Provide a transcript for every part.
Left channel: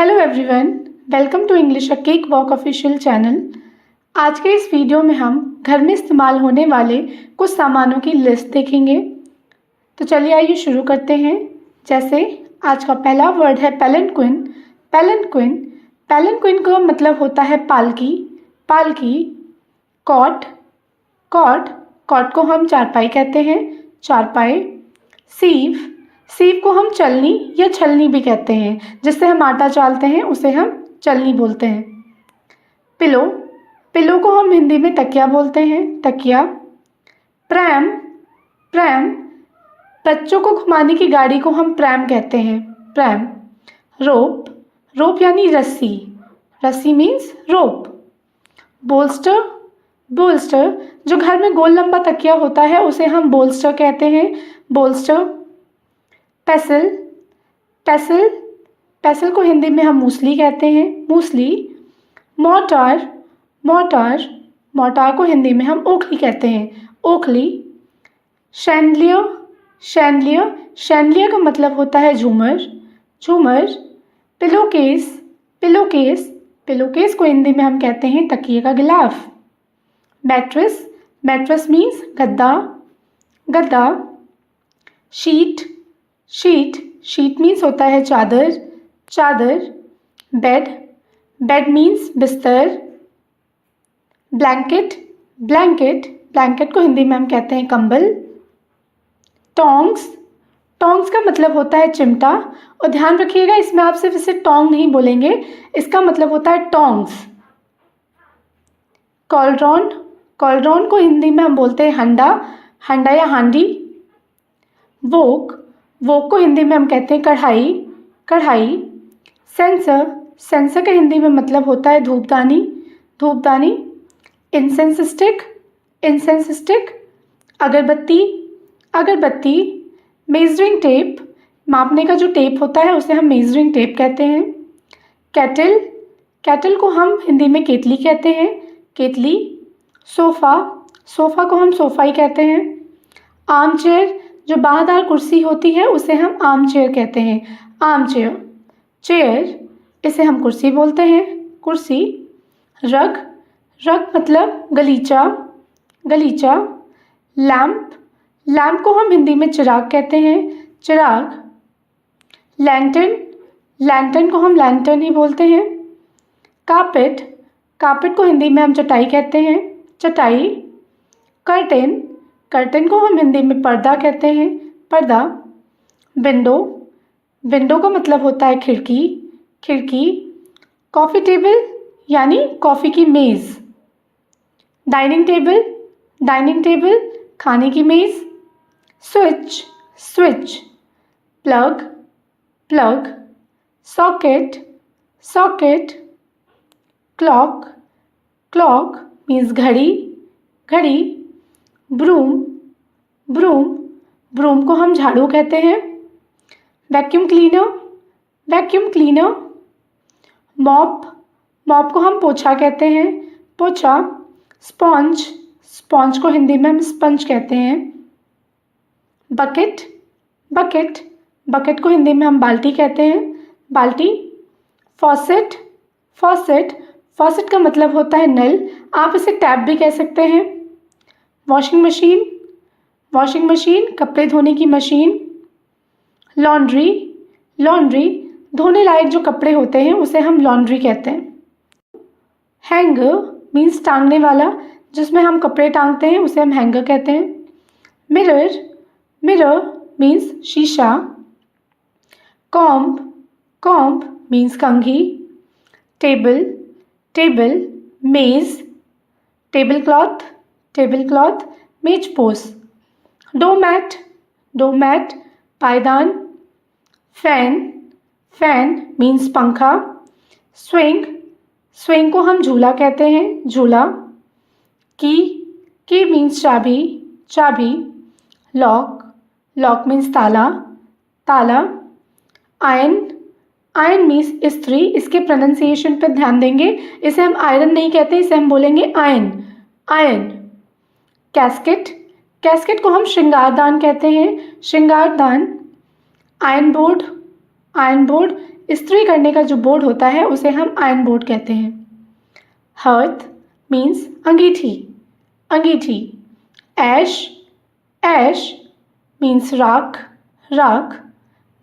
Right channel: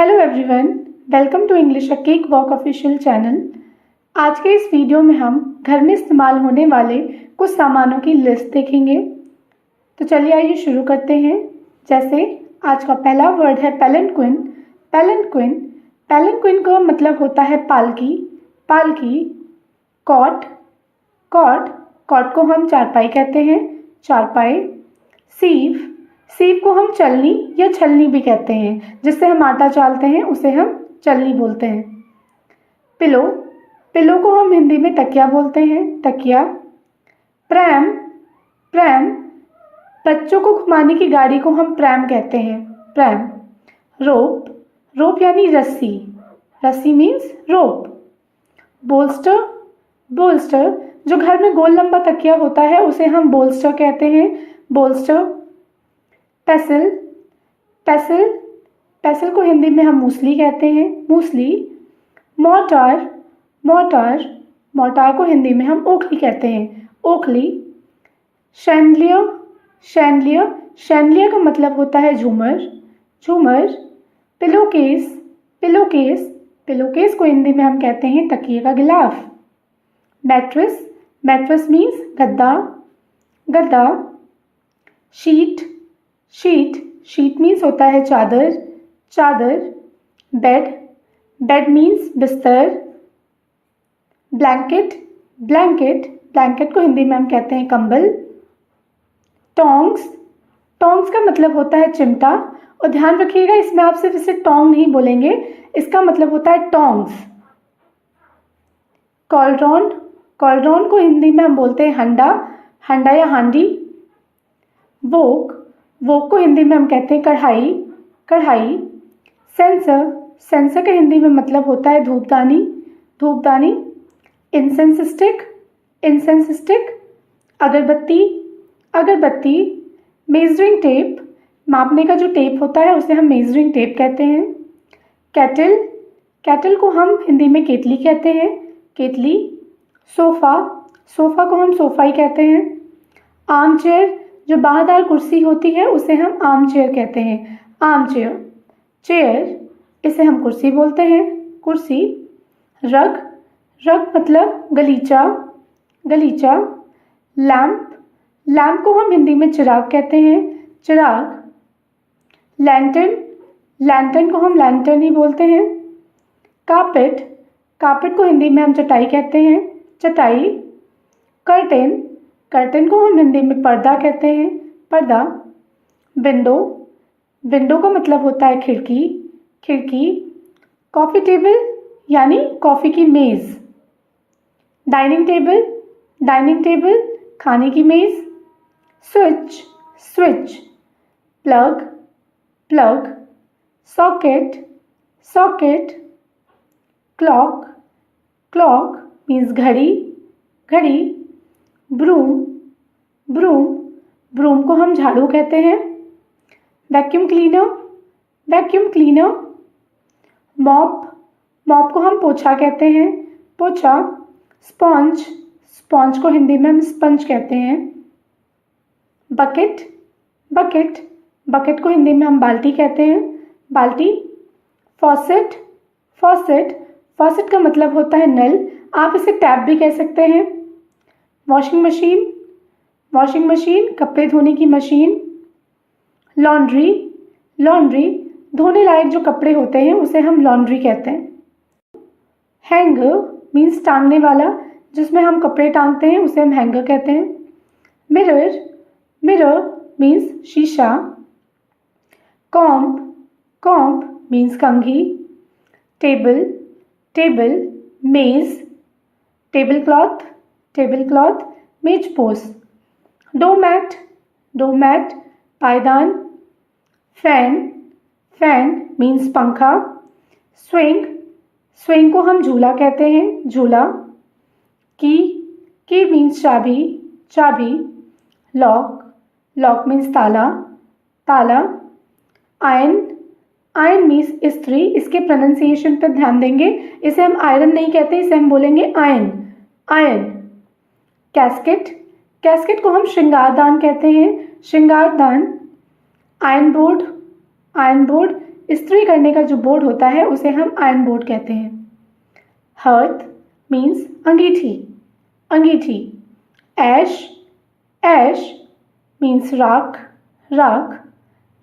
Hello everyone, welcome to English a cake walk official channel. आज के इस video में हम घर में इस्तेमाल होने वाले कुछ सामानों की लिस्ट देखेंगे। तो चलिए आइए शुरू करते हैं। जैसे आज का पहला वर्ड है पैलेंक्विन। पैलेंक्विन पैलेंक्विन का मतलब होता है पालकी। पालकी। कॉट। कॉट कॉट को हम चारपाई कहते हैं। चारपाई। सीव सीव को हम चलनी या छलनी भी कहते हैं। जिससे हम आटा चालते हैं उसे हम चलनी बोलते हैं। पिलो पिलो को हम हिंदी में तकिया बोलते हैं। तकिया। प्रैम प्रैम बच्चों को घुमाने की गाड़ी को हम प्रैम कहते हैं। प्रैम। रोप रोप यानी रस्सी। रस्सी मीन्स रोप। बोल्स्टर बोल्स्टर जो घर में गोल लंबा तकिया होता है उसे हम बोल्स्टर कहते हैं। बोल्स्टर। पेसिल पेसिल पेसिल को हिंदी में हम मूसली कहते हैं। मूसली। मोर्टार मोर्टार मोर्टार को हिंदी में हम ओखली कहते हैं। ओखली। शैंडलियर शैंडलियर शैंडलियर का मतलब होता है झूमर। झूमर। पिलोकेस पिलोकेस पिलोकेस को हिंदी में हम कहते हैं तकिए का गिलाफ। मैट्रेस मैट्रेस मीन्स गद्दा। गद्दा। शीट शीट शीट मीन्स होता है चादर। चादर। बेड बेड मीन्स बिस्तर। ब्लैंकेट ब्लैंकेट ब्लैंकेट को हिंदी में हम कहते हैं कंबल। टोंग्स टोंग्स का मतलब होता है चिमटा। और ध्यान रखिएगा, इसमें आप सिर्फ इसे टोंग नहीं बोलेंगे, इसका मतलब होता है टोंग्स। कॉलरॉन कॉलरॉन को हिंदी में हम बोलते हैं हंडा। हंडा या हांडी। वोक वोक को हिंदी में हम कहते हैं कढ़ाई। कढ़ाई। सेंसर सेंसर के हिंदी में मतलब होता है धूपदानी। धूपदानी। Incense stick incense stick. अगरबत्ती अगरबत्ती। मेजरिंग टेप मापने का जो टेप होता है उसे हम मेजरिंग टेप कहते हैं। कैटल कैटल को हम हिंदी में केतली कहते हैं। केतली। सोफ़ा सोफ़ा को हम सोफ़ा ही कहते हैं। आर्म चेयर जो बाहदार कुर्सी होती है उसे हम आर्म चेयर कहते हैं। Arm chair. चेयर इसे हम कुर्सी बोलते हैं। कुर्सी। रग रग मतलब गलीचा। गलीचा। लैम्प लैम्प को हम हिंदी में चिराग कहते हैं। चिराग। लैंटर्न लैंटर्न को हम लैंटर्न ही बोलते हैं। कारपेट कारपेट को हिंदी में हम चटाई कहते हैं। चटाई। कर्टेन कर्टेन को हम हिंदी में पर्दा कहते हैं। पर्दा। विंडो विंडो का मतलब होता है खिड़की। खिड़की। कॉफ़ी टेबल यानी कॉफ़ी की मेज़। डाइनिंग टेबल डाइनिंग टेबल खाने की मेज़। Switch switch. Plug plug. Socket socket. Clock clock means घड़ी। घड़ी। ब्रूम ब्रूम ब्रूम को हम झाड़ू कहते हैं। Vacuum cleaner vacuum cleaner. Mop mop को हम पोछा कहते हैं। पोछा। स्पॉन्ज स्पॉन्ज को हिंदी में हम स्पंज कहते हैं। बकेट बकेट बकेट को हिंदी में हम बाल्टी कहते हैं। बाल्टी। फॉसेट फॉसेट फॉसेट का मतलब होता है नल, आप इसे टैप भी कह सकते हैं। वॉशिंग मशीन कपड़े धोने की मशीन। लॉन्ड्री लॉन्ड्री धोने लायक जो कपड़े होते हैं उसे हम लॉन्ड्री कहते हैं। हैंगर मीन्स टांगने वाला, जिसमें हम कपड़े टांगते हैं उसे हम हैंगर कहते हैं। मिरर मिरर मीन्स शीशा। कॉम्ब कॉम्ब मीन्स कंघी। टेबल टेबल मेज। टेबल क्लॉथ मेज पोस। डोमैट डोमैट पायदान। फैन फैन मीन्स पंखा। स्विंग स्विंग को हम झूला कहते हैं। झूला। की मीन्स चाबी। चाबी। लॉक लॉक मीन्स ताला। ताला। आयरन आयरन मीन्स इस्त्री। इसके प्रोनाउंसिएशन पर ध्यान देंगे, इसे हम आयरन नहीं कहते, इसे हम बोलेंगे आयन। आयन। कैस्केट कैस्केट को हम श्रृंगारदान कहते हैं। श्रृंगारदान। आयरन बोर्ड इस्त्री करने का जो बोर्ड होता है उसे हम आयरन बोर्ड कहते हैं। हर्थ मीन्स अंगीठी, अंगीठी। ऐश, ऐश मीन्स राख, राख।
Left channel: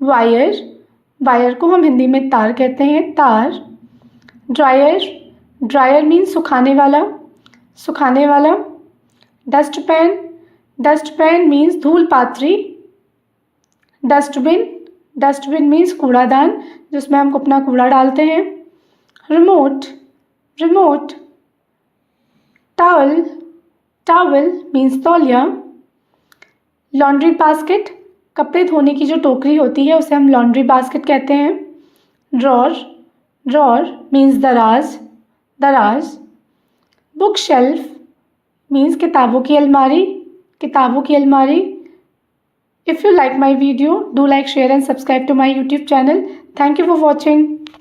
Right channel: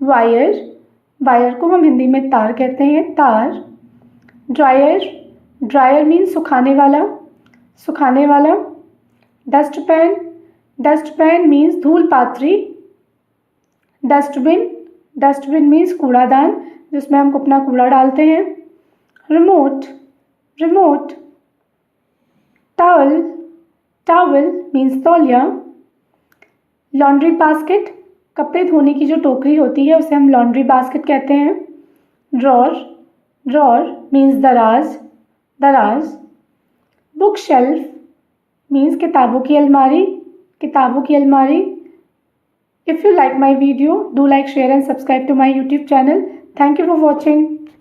वायर, वायर को हम हिंदी में तार कहते हैं, तार। ड्रायर, ड्रायर मीन्स सुखाने वाला, सुखाने वाला। डस्टपैन, डस्टपैन मीन्स धूल पात्री। डस्टबिन, डस्टबिन मीन्स कूड़ादान जिसमें हम अपना कूड़ा डालते हैं। Remote, remote. Towel, towel means तौलिया। लॉन्ड्री बास्केट, कपड़े धोने की जो टोकरी होती है उसे हम लॉन्ड्री बास्केट कहते हैं। ड्रॉर, ड्रॉर मीन्स दराज, दराज। बुक शेल्फ मीन्स किताबों की अलमारी, किताबों की अलमारी। If you like my video, do like, share and subscribe to my YouTube channel. Thank you for watching.